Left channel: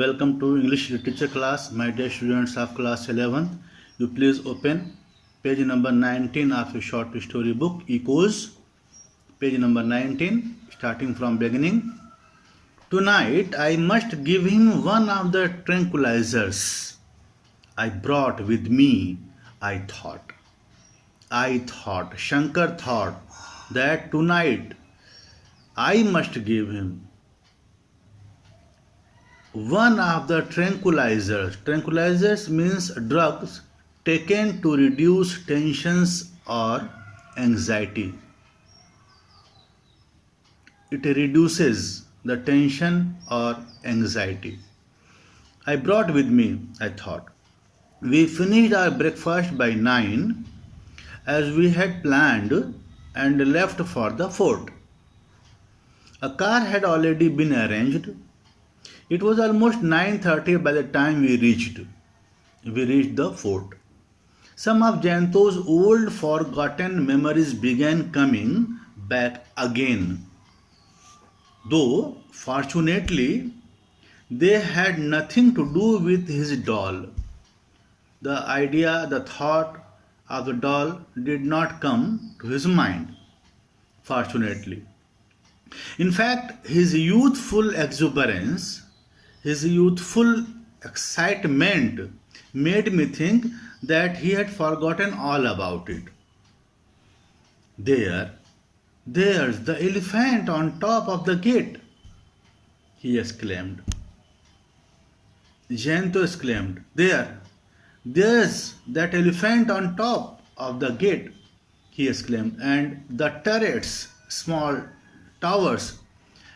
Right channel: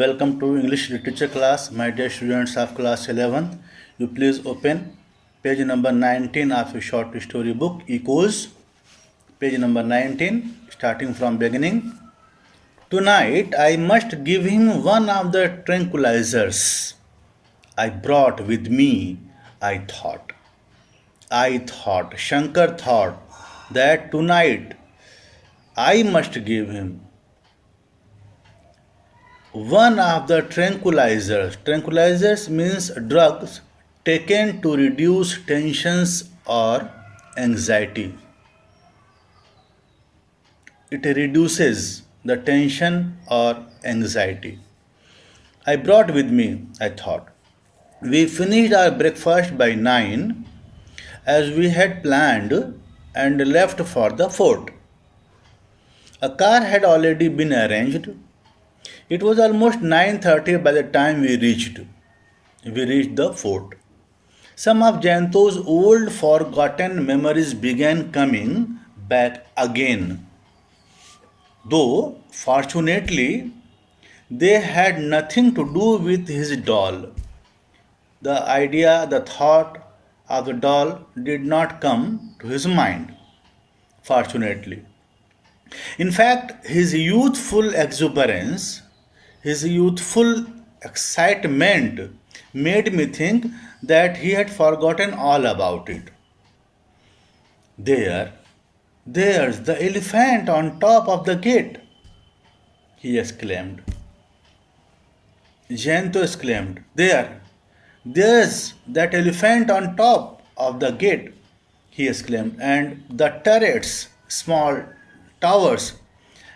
Welcome to English literature class, my dear students of class 11th. You please open page number 19 of your short story book, Echoes. Page number 19, starting from beginning. Tonight I must give him one of the tranquilizers I brought with me, I thought. Shankar thought that tonight I must give him one of the tranquilizers. Tranquilizers means drugs taken to reduce tensions or anxiety. It reduces the tension or anxiety. I brought with me, I thought. We finished our breakfast by 9 as we had planned and left for the fort. A car had already been arranged. It was almost 9:30 by the time we reached. The fort. Some of Jayanto's old forgotten memories began coming back again. Though, fortunately, they had nothing to do with his doll. The thought of the doll did not come to his mind, fortunately. In fact, his youthful exuberance, his youthful excitement made me think that he had forgotten all about it. There's the elephant on top of the gate, he exclaimed. Jayanto exclaimed, there's that elephant on top of the gate, he exclaimed, and the turrets, small towers,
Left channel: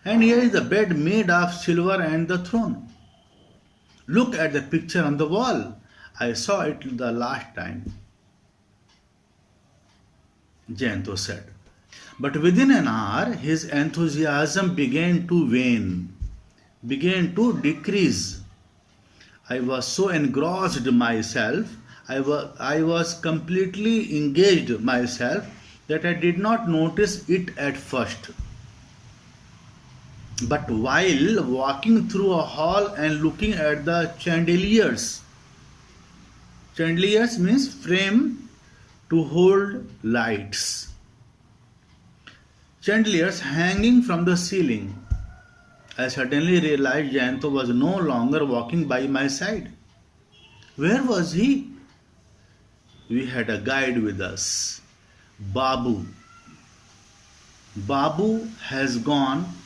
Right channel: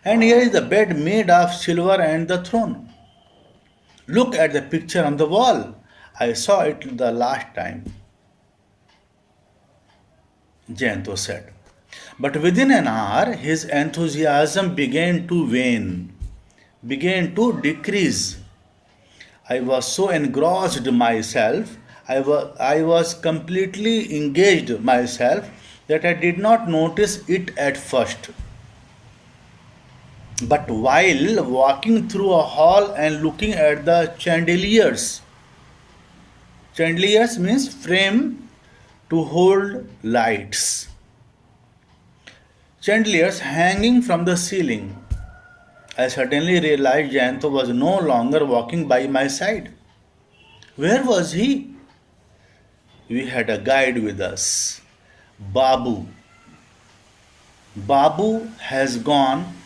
and here is the bed made of silver and the throne. Look at the picture on the wall. I saw it the last time, Jayanto said. But within an hour, his enthusiasm began to wane, began to decrease. I was so engrossed myself, I was completely engaged myself that I did not notice it at first. But while walking through a hall and looking at the chandeliers means frame to hold lights. Chandeliers hanging from the ceiling. I suddenly realized Jayanto was no longer walking by my side. Where was he? We had a guide with us, Babu. Babu has gone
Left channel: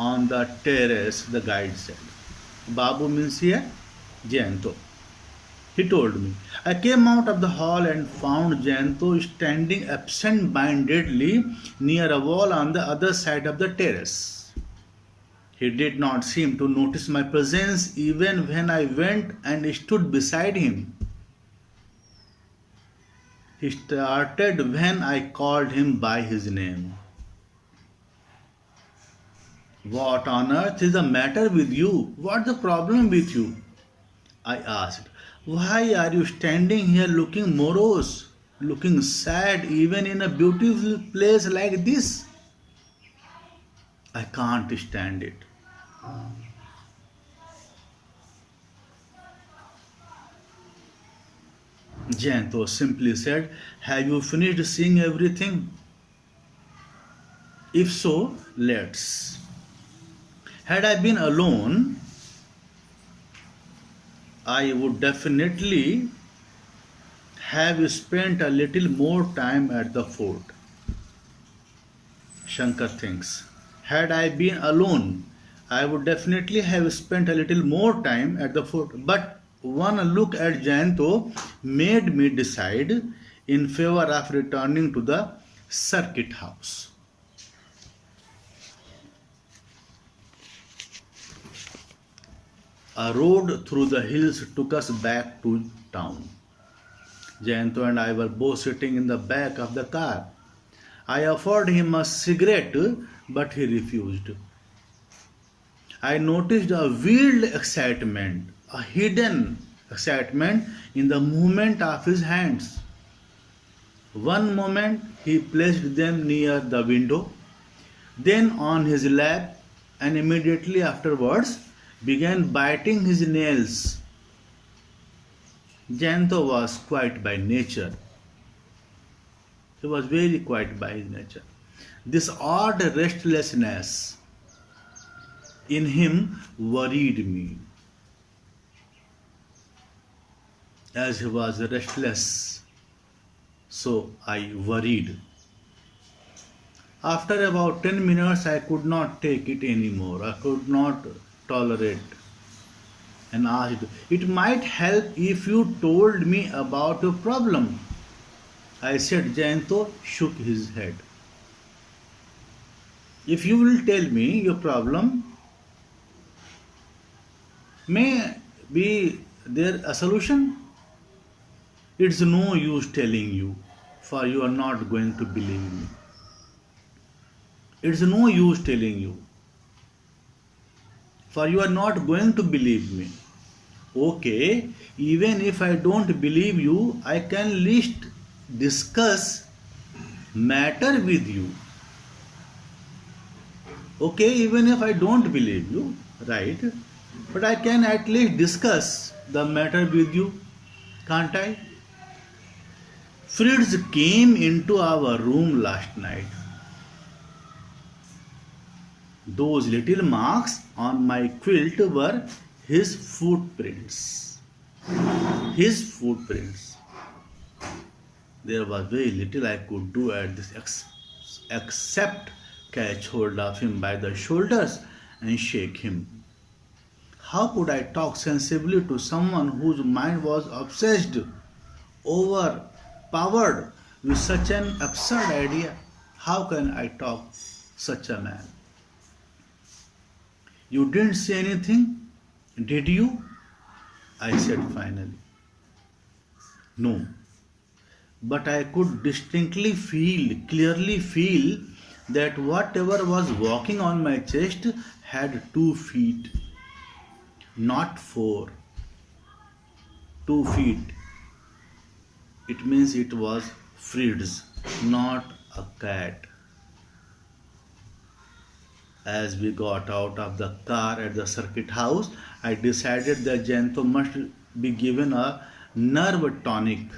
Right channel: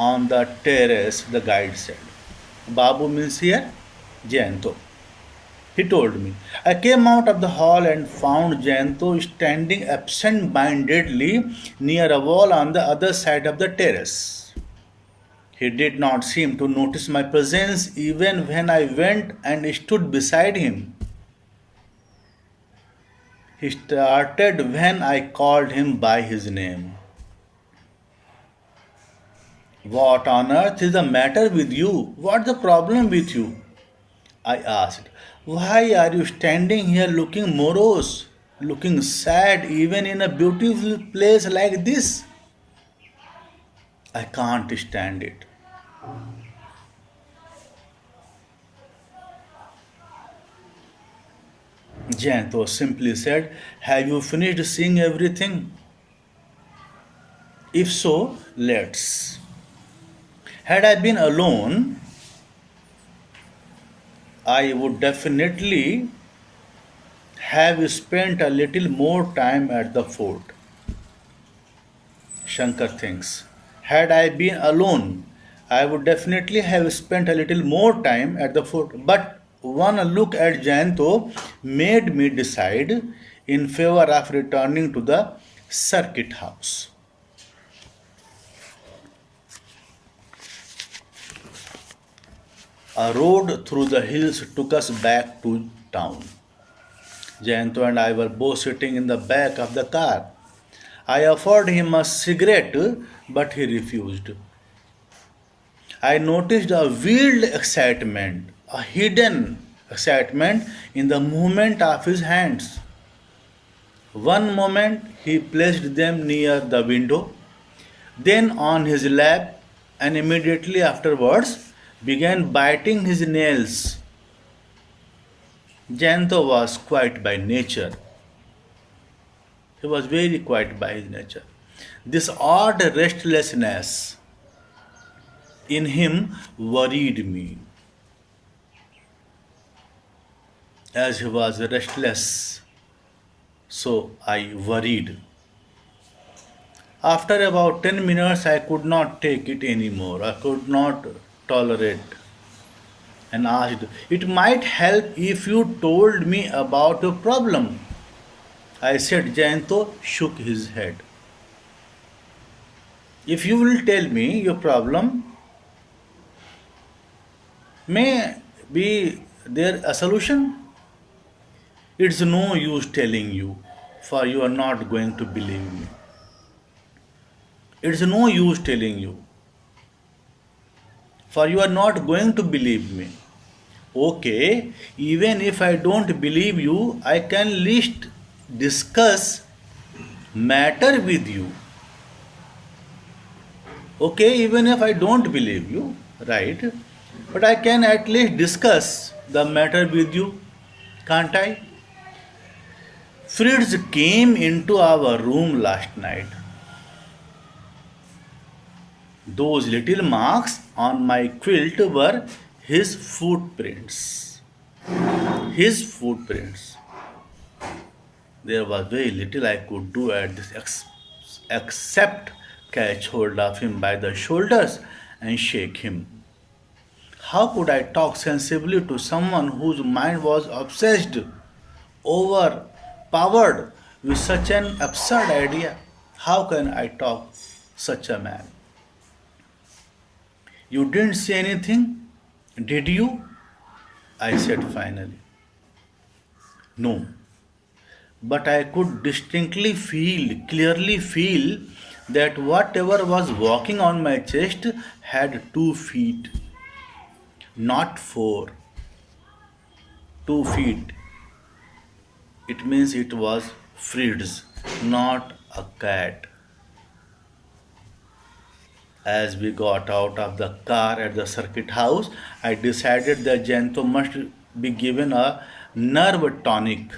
on the terrace, the guide said. Babu means here Jayanto. He told me. I came out of the hall and found Jayanto standing absent-mindedly near a wall on the other side of the terrace. He did not seem to notice my presence even when I went and stood beside him. He started when I called him by his name. What on earth is the matter with you? What's the problem with you? I asked. Why are you standing here looking morose, looking sad even in a beautiful place like this? I can't stand it. Jayanto simply said, have you finished seeing everything? If so, let's. Had I been alone, I would definitely have spent a little more time at the fort. Shankar thinks. Had I been alone, I would definitely have spent a little more time at the fort. But one look at Jayanto made me decide in favor of returning to the circuit house. A road through the hills took us back to town. Jayanto and I were both sitting in the back of the car. I offered him a cigarette, but he refused. I noticed a wild excitement, a hidden excitement in the movement of his hands. One moment he placed them near the window, then on his lap, and immediately afterwards began biting his nails. Jayanto was quiet by nature. He was very quiet by his nature. This odd restlessness in him worried me, as he was restless, so I worried. After about 10 minutes, I could not take it anymore. I could not tolerate and asked, "It might help if you told me about your problem." I said. Jayanto shook his head. "If you will tell me your problem, may be there a solution? It's no use telling you, for you are not going to believe me. It's no use telling you, for you are not going to believe me." Okay, even if I don't believe you, I can at least discuss matter with you. Okay, even if I don't believe you, right? But I can at least discuss the matter with you, can't I? Fritz came into our room last night. Those little marks on my quilt were his footprints. His footprints. There was very little I could do at this except catch hold of him by the shoulders and shake him. How could I talk sensibly to someone whose mind was obsessed, overpowered with such an absurd idea? How can I talk such a man? "You didn't say anything, did you?" I said finally. "No, but I could distinctly feel, clearly feel, that whatever was walking on my chest had 2 feet, not 4. 2 feet. It means it was Fritz, not a cat." As we got out of the car at the circuit house, I decided that Jayanto must be given a nerve tonic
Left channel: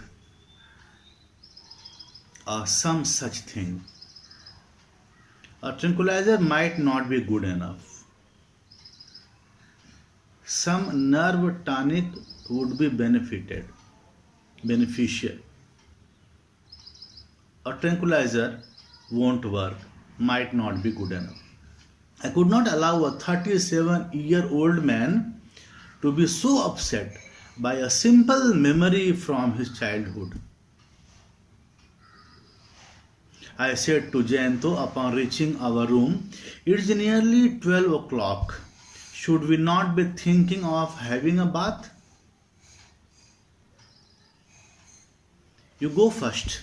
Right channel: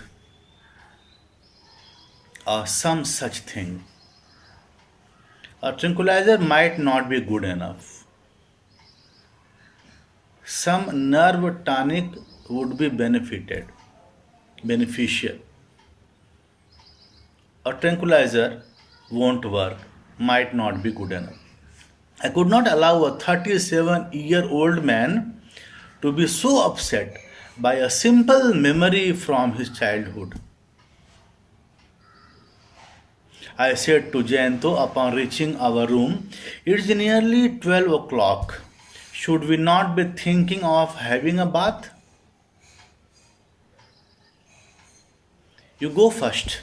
or some such thing. A tranquilizer might not be good enough. Some nerve tonic would be beneficial. A tranquilizer won't work, might not be good enough. I could not allow a 37-year-old man to be so upset by a simple memory from his childhood. I said to Jayanto upon reaching our room, "It's nearly 12 o'clock. Should we not be thinking of having a bath?" "You go first,"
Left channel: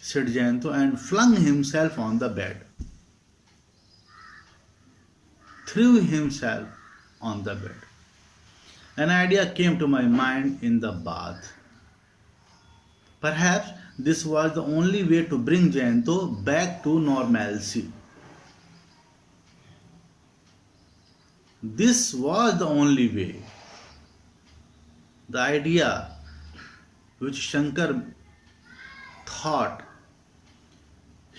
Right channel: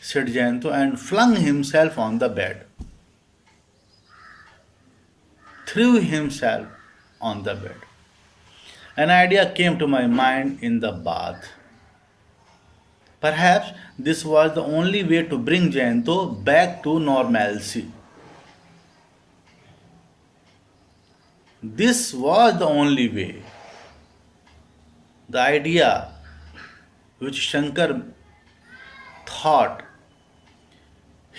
said Jayanto, and flung himself on the bed. Threw himself on the bed. An idea came to my mind in the bath. Perhaps this was the only way to bring Jayanto back to normalcy. This was the only way. The idea which Shankar thought,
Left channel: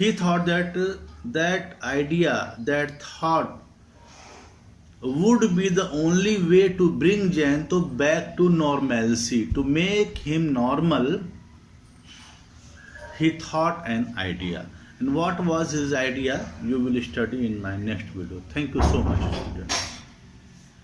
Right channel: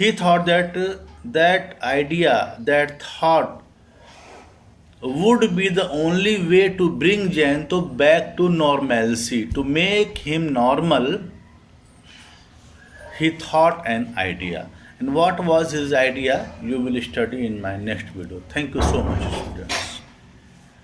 he thought that thought would be the only way to bring Jayanto back to normalcy, to make him normal. He thought an idea. And what was his idea? You will study in my next video. Thank you so much, students.